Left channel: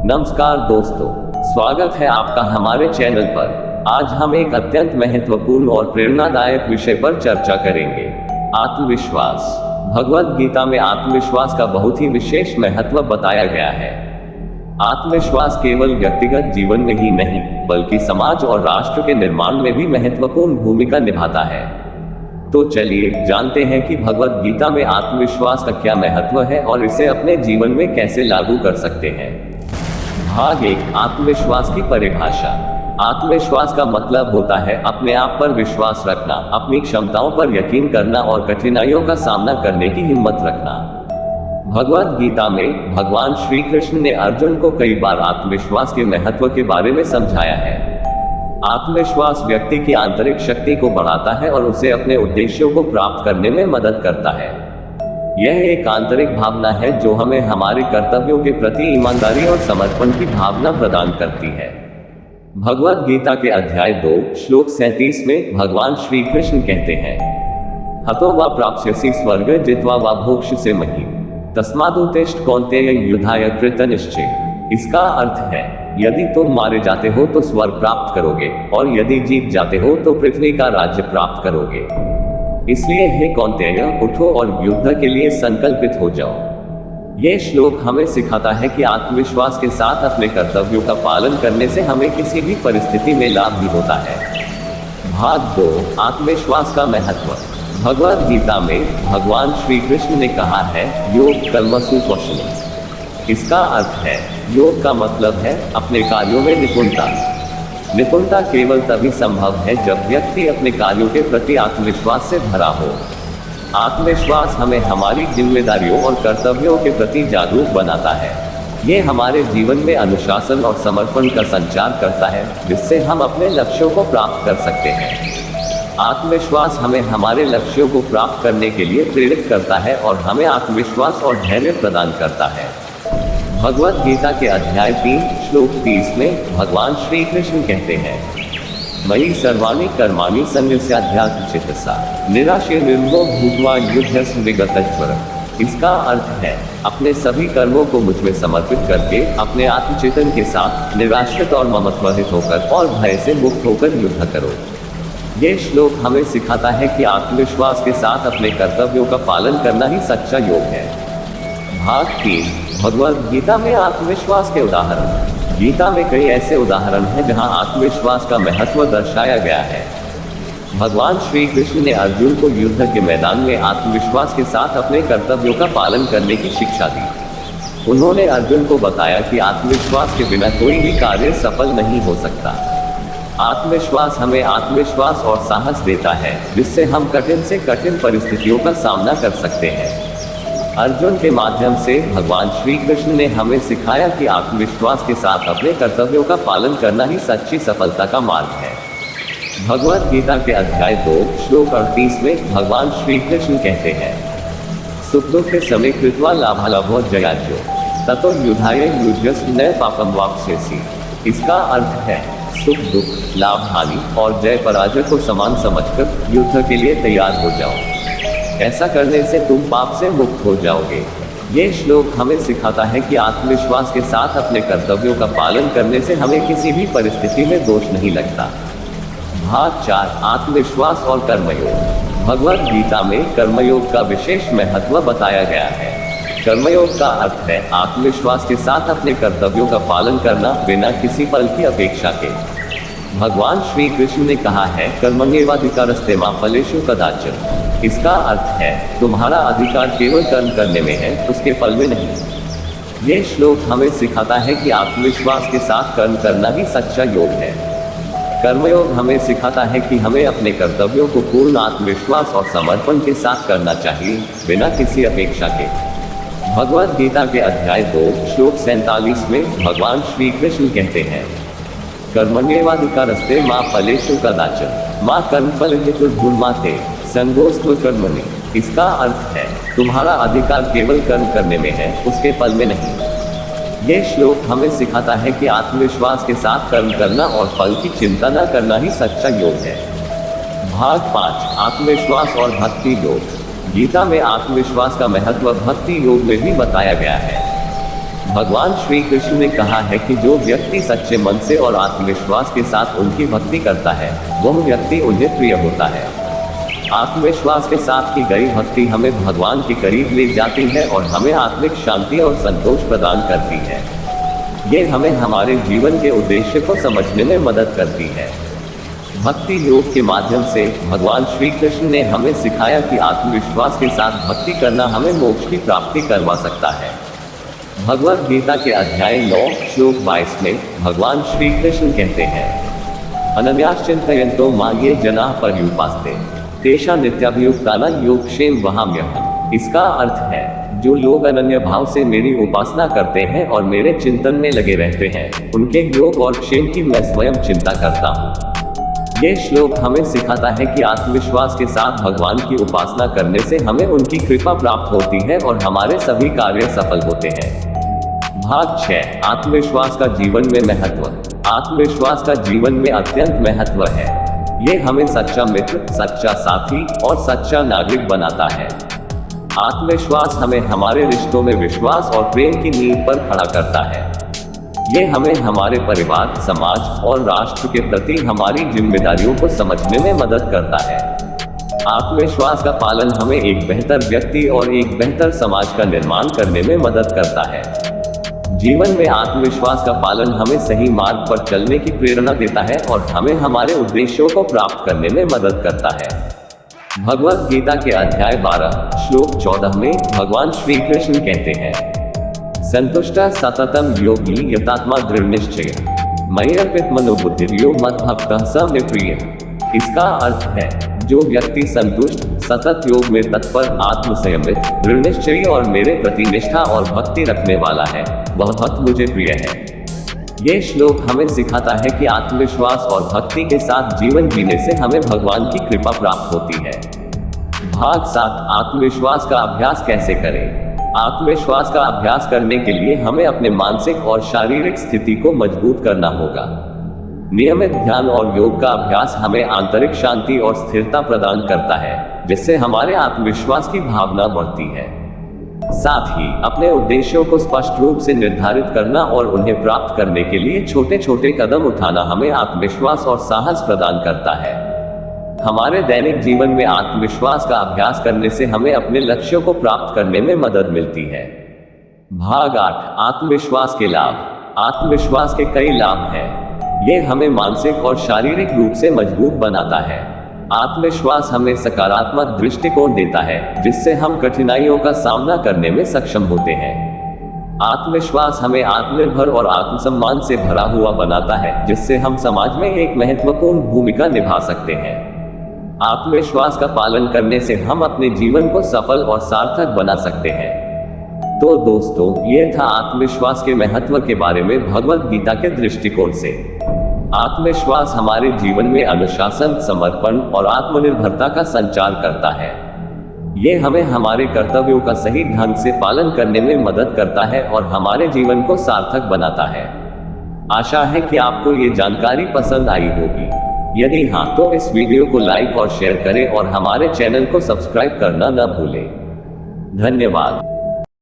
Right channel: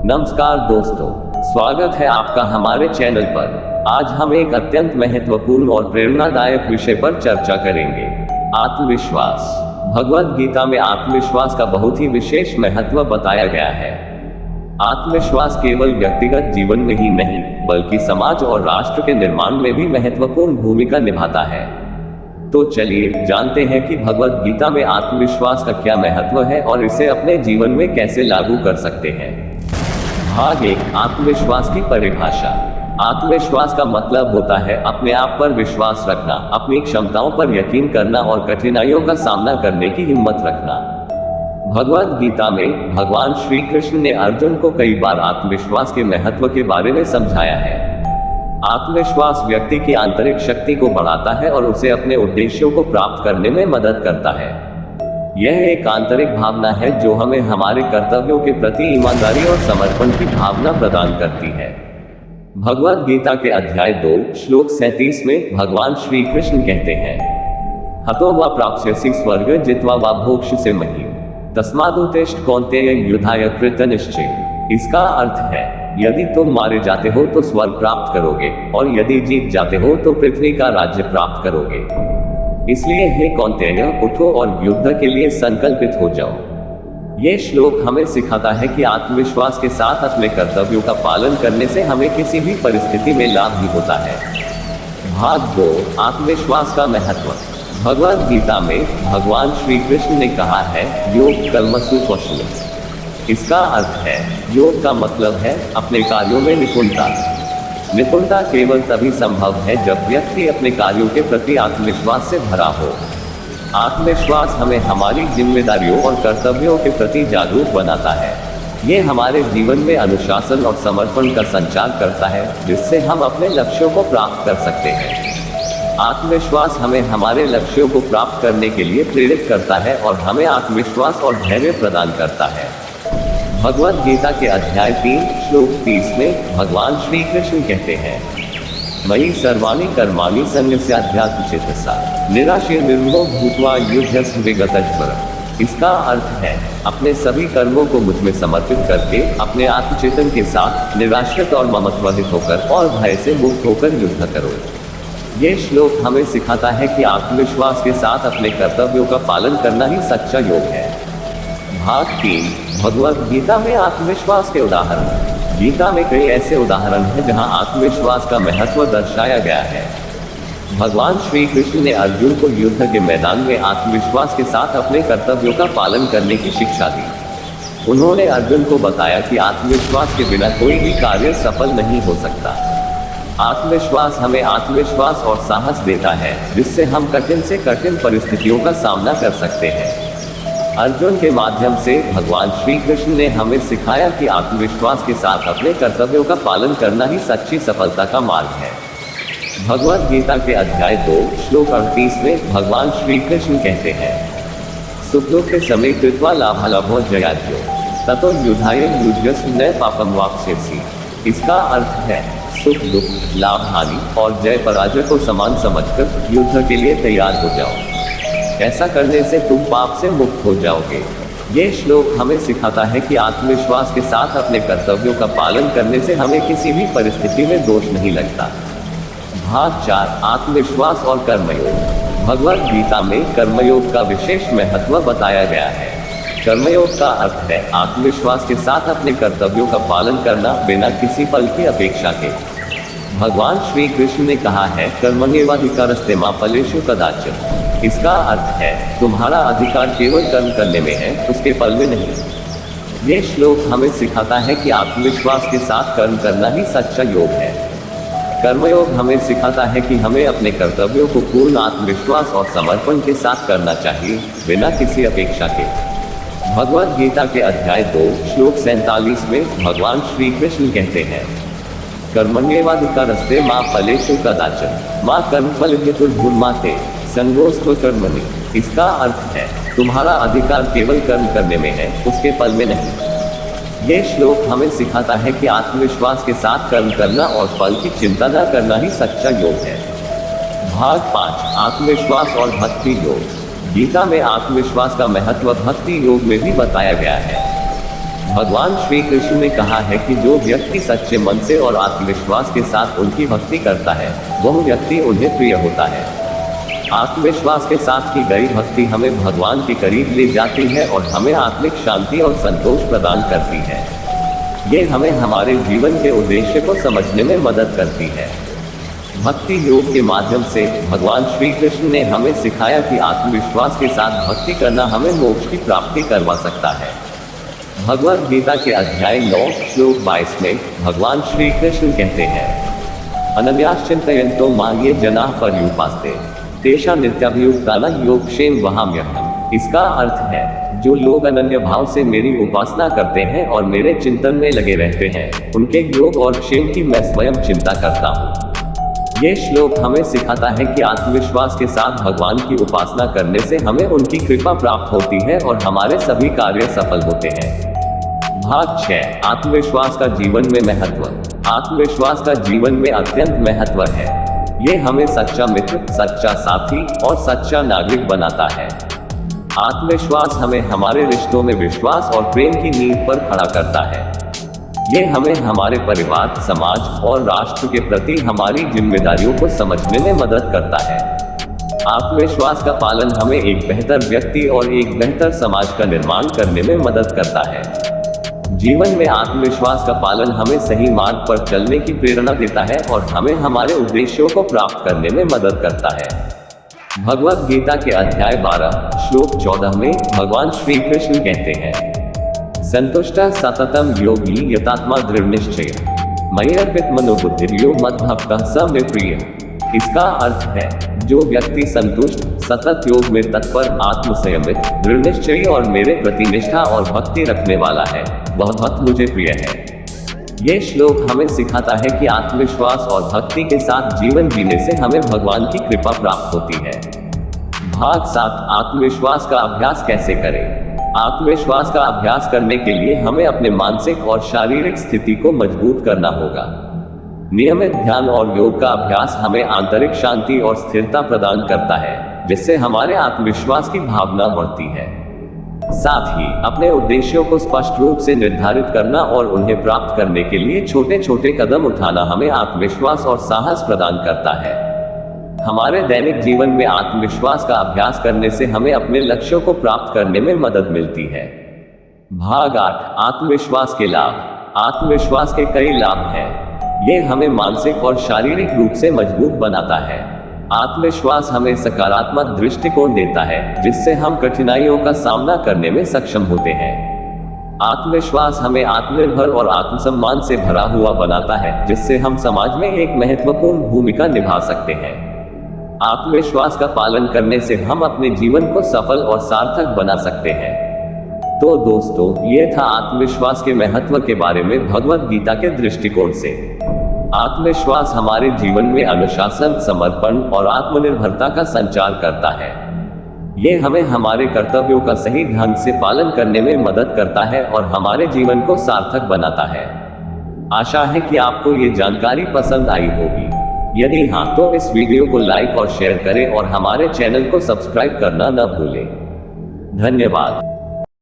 नमस्कार दोस्तों, स्वागत है आपका हमारे चैनल पर। आज हम एक अत्यंत महत्वपूर्ण और प्रेरणादायक विषय पर चर्चा करेंगे, आत्मविश्वास। भगवद गीता में आत्मविश्वास का बहुत ही विशेष महत्व बताया गया है। आत्मविश्वास केवल व्यक्तिगत जीवन में ही नहीं, बल्कि समाज और राष्ट्र के निर्माण में भी महत्वपूर्ण भूमिका निभाता है। तो चलिए जानते हैं कि भगवद गीता में आत्मविश्वास का क्या महत्व है और इसे अपने जीवन में कैसे लागू कर सकते हैं। भाग 1, आत्मविश्वास की परिभाषा। आत्मविश्वास का मतलब होता है अपने आप पर विश्वास रखना, अपनी क्षमताओं पर यकीन करना और कठिनाइयों का सामना करने की हिम्मत रखना। भगवद गीता में भगवान श्री कृष्ण ने अर्जुन को कई बार आत्मविश्वास के महत्व के बारे में समझाया है। आत्मविश्वास व्यक्ति की आंतरिक शक्ति को बढ़ाता है और उसे अपने उद्देश्यों को प्राप्त करने में मदद करता है। यह एक आंतरिक भावना है जो हमें हमारे कर्तव्यों के प्रति ईमानदारी और समर्पण की भावना प्रदान करती है। भगवद गीता के अध्याय 2 श्लोक 37 में भगवान श्री कृष्ण कहते हैं, हतो वा प्राप्स्यसि स्वर्ग जित्वा वा भोक्ष्यसे महीम् तस्मादुत्तिष्ठ कौन्तेय युद्धाय कृतनिश्चय। इसका अर्थ है, यदि तुम मारे जाते हो तो स्वर्ग प्राप्त करोगे और यदि जीत जाते हो तो पृथ्वी का राज्य प्राप्त करोगे। इसलिए हे कौन्तेय, उठो और युद्ध के लिए संकल्पित हो जाओ। ये श्लोक हमें सिखाता है कि आत्मविश्वास के साथ अपने कर्तव्यों का पालन करने से हमें किसी भी परिस्थिति में लाभ भी होता है। भाग 2, आत्मविश्वास का महत्व। भगवद गीता में भगवान श्री कृष्ण ने कहा है, योग कर्मसु कौशलम्। इसका अर्थ है, योग का मतलब है अपने कार्यों में निपुणता। निपुणता केवल तभी संभव है जब व्यक्ति अपने कार्यों के प्रति आत्मविश्वास से भरा हो। आत्मविश्वास हमें हमारी जिम्मेदारियों और कर्तव्यों के प्रति जागरूक बनाता है। ये हमारे जीवन में अनुशासन और समर्पण का संचार करता है, जिससे हम अपने लक्ष्यों को प्राप्त कर सकते हैं। आत्मविश्वास हमें हमारे लक्ष्यों को प्राप्त करने के लिए प्रेरित करता है और हमें आत्मविश्वास और धैर्य प्रदान करता है। भगवद गीता के अध्याय 3 श्लोक 30 में भगवान श्री कृष्ण कहते हैं, मयि सर्वाणि कर्माणि सन्न्यस्याध्यात्मचेतसा निराशीर्निर्ममो भूत्वा युध्यस्व विगतज्वर। इसका अर्थ है, अपने सभी कर्मों को मुझ में समर्पित करके अपने आत्मचेतन के साथ निराश्रित और ममत्वरहित होकर और भय से मुक्त होकर युद्ध करो। ये श्लोक हमें सिखाता है कि आत्मविश्वास के साथ अपने कर्तव्यों का पालन करना ही सच्चा योग है। भाग 3, भगवद गीता में आत्मविश्वास के उदाहरण। गीता में कई ऐसे उदाहरण हैं जहां आत्मविश्वास का महत्व दर्शाया गया है। भगवान श्री कृष्ण ने अर्जुन को युद्ध के मैदान में आत्मविश्वास के साथ अपने कर्तव्यों का पालन करने की शिक्षा दी। उन्होंने अर्जुन को बताया कि आत्मविश्वास के बिना कोई भी कार्य सफल नहीं हो सकता। आत्मविश्वास हमें आत्मविश्वास और साहस देता है, जिससे हम कठिन से कठिन परिस्थितियों का सामना कर सकते हैं। अर्जुन के माध्यम से भगवान श्री कृष्ण ने हमें सिखाया कि आत्मविश्वास के साथ अपने कर्तव्यों का पालन करना ही सच्ची सफलता का मार्ग है। भगवद गीता के अध्याय 2 श्लोक 38 में भगवान श्री कृष्ण कहते हैं, सुखदुःखे समे कृत्वा लाभालाभो जयाज्यो ततो युद्धाय युध्यस्व न पापं वाप्स्यसि। इसका अर्थ है, सुख दुख, लाभ हानि और जय पराजय को समान समझकर युद्ध के लिए तैयार हो जाओ। ऐसा करने से तुम पाप से मुक्त हो जाओगे। ये श्लोक हमें सिखाता है कि आत्मविश्वास के साथ अपने कर्तव्यों का पालन करने से हमें किसी भी परिस्थिति में दोष नहीं लगता। भाग 4, आत्मविश्वास और कर्मयोग। भगवद गीता में कर्मयोग का विशेष महत्व बताया गया है। कर्मयोग का अर्थ है आत्मविश्वास के साथ अपने कर्तव्यों का पालन करना बिना किसी फल की अपेक्षा के। भगवान श्री कृष्ण ने कहा है, कर्मण्येवाधिकारस्ते मा फलेषु कदाचन। इसका अर्थ है, तुम्हारा अधिकार केवल कर्म करने में है, उसके फल में नहीं। ये श्लोक हमें सिखाता है कि आत्मविश्वास के साथ कर्म करना ही सच्चा योग है। कर्मयोग हमें सिखाता है कि हमें अपने कर्तव्यों को पूर्ण आत्मविश्वास और समर्पण के साथ करना चाहिए, बिना किसी अपेक्षा के। भगवद गीता के अध्याय 2 श्लोक 47 में भगवान श्री कृष्ण कहते हैं, कर्मण्येवाधिकारस्ते मा फलेषु कदाचन मा कर्मफल हेतुर्भूर्माते संगोऽस्तु कर्मणि। इसका अर्थ है, तुम्हारा अधिकार केवल कर्म करने में है, उसके फल में नहीं। ये श्लोक हमें सिखाता है कि आत्मविश्वास के साथ कर्म करना और फल की चिंता न करना ही सच्चा योग है। भाग 5, आत्मविश्वास और भक्ति योग। गीता में आत्मविश्वास का महत्व भक्ति योग में भी बताया गया है। भगवान श्री कृष्ण ने कहा है कि जो व्यक्ति सच्चे मन से और आत्मविश्वास के साथ उनकी भक्ति करता है वह व्यक्ति उन्हें प्रिय होता है। आत्मविश्वास के साथ की गई भक्ति हमें भगवान के करीब ले जाती है और हमें आत्मिक शांति और संतोष प्रदान करती है। ये हमें हमारे जीवन के उद्देश्य को समझने में मदद करती है। भक्ति योग के माध्यम से भगवान श्री कृष्ण ने हमें सिखाया कि आत्मविश्वास के साथ भक्ति करना हमें मोक्ष की प्राप्ति करवा सकता है। भगवद गीता के अध्याय 9 श्लोक 22 में भगवान श्री कृष्ण कहते हैं, अनन्याश्चिन्तयन्तो मां ये जनाः पर्युपासते तेषां नित्याभियुक्तानां योगक्षेम वहाम्यहम्। इसका अर्थ है, जो लोग अनन्य भाव से मेरी उपासना करते हैं और मेरे चिंतन में लगे रहते हैं उनके योग और क्षेम की मैं स्वयं चिंता करता हूँ। ये श्लोक हमें सिखाता है कि आत्मविश्वास के साथ भगवान की उपासना करने से हमें उनकी कृपा प्राप्त होती है और हमारे सभी कार्य सफल होते हैं। भाग 6, आत्मविश्वास का जीवन में महत्व। आत्मविश्वास का जीवन में अत्यंत महत्व है। यह हमें सच्चा मित्र, सच्चा साथी और सच्चा नागरिक बनाता है। आत्मविश्वास हमें हमारे रिश्तों में विश्वास और प्रेम की नींव पर खड़ा करता है। ये हमें हमारे परिवार, समाज और राष्ट्र के प्रति हमारी जिम्मेदारियों को समझने में मदद करता है। आत्मविश्वास का पालन हमें एक बेहतर व्यक्ति और एक बेहतर समाज का निर्माण करने में मदद करता है। जीवन में आत्मविश्वास का पालन हमें सही मार्ग पर चलने की प्रेरणा देता है और हमें हमारे उद्देश्यों को प्राप्त करने में मदद करता है। भगवद गीता के अध्याय 12 श्लोक 14 में भगवान श्री कृष्ण कहते हैं, संतुष्टा सततम योगी यतात्मा दृढ़ निश्चय मय्यर्पित मनोबुद्धिर्यो मद्भक्तः स मे प्रियः। इसका अर्थ है, जो व्यक्ति संतुष्ट, सतत योग में तत्पर, आत्मसंयमित, दृढ़ निश्चयी और मेरे प्रति निष्ठा और भक्ति रखने वाला है वह भक्त मुझे प्रिय है। ये श्लोक हमें सिखाता है कि आत्मविश्वास और भक्ति के साथ जीवन जीने से हमें भगवान की कृपा प्राप्त होती है। भाग 7, आत्मविश्वास का अभ्यास कैसे करें। आत्मविश्वास का अभ्यास करने के लिए हमें अपने मानसिक और शारीरिक स्थिति को मजबूत करना होगा। नियमित ध्यान और योग का अभ्यास हमें आंतरिक शांति और स्थिरता प्रदान करता है, जिससे हमारे आत्मविश्वास की भावना बढ़ती है। साथ ही अपने उद्देश्यों को स्पष्ट रूप से निर्धारित करना और उन्हें प्राप्त करने के लिए छोटे छोटे कदम उठाना हमें आत्मविश्वास और साहस प्रदान करता है। हमारे दैनिक जीवन में आत्मविश्वास का अभ्यास करने से हमें अपने लक्ष्यों को प्राप्त करने में मदद मिलती है। भाग 8, आत्मविश्वास के लाभ। आत्मविश्वास के कई लाभ हैं। ये हमें मानसिक और शारीरिक रूप से मजबूत बनाता है। आत्मविश्वास हमें सकारात्मक दृष्टिकोण देता है, जिससे हम कठिनाइयों का सामना करने में सक्षम होते हैं। आत्मविश्वास हमें आत्मनिर्भर और आत्मसम्मान से भरा हुआ बनाता है, जिससे हम समाज में एक महत्वपूर्ण भूमिका निभा सकते हैं। आत्मविश्वास का पालन करने से हम अपने जीवन को सफल और सार्थक बना सकते हैं। तो दोस्तों, ये था आत्मविश्वास के महत्व के बारे में भगवद गीता के दृष्टिकोण से। आत्मविश्वास हमारे जीवन में अनुशासन, समर्पण और आत्मनिर्भरता का संचार करता है। ये हमें हमारे कर्तव्यों का सही ढंग से पालन करने में मदद करता है और हमारे जीवन को सार्थक बनाता है। आशा है कि आपको ये जानकारी पसंद आई होगी। यदि हाँ, तो इस वीडियो को लाइक और शेयर करें और हमारे चैनल को सब्सक्राइब करना न भूलें। धन्यवाद।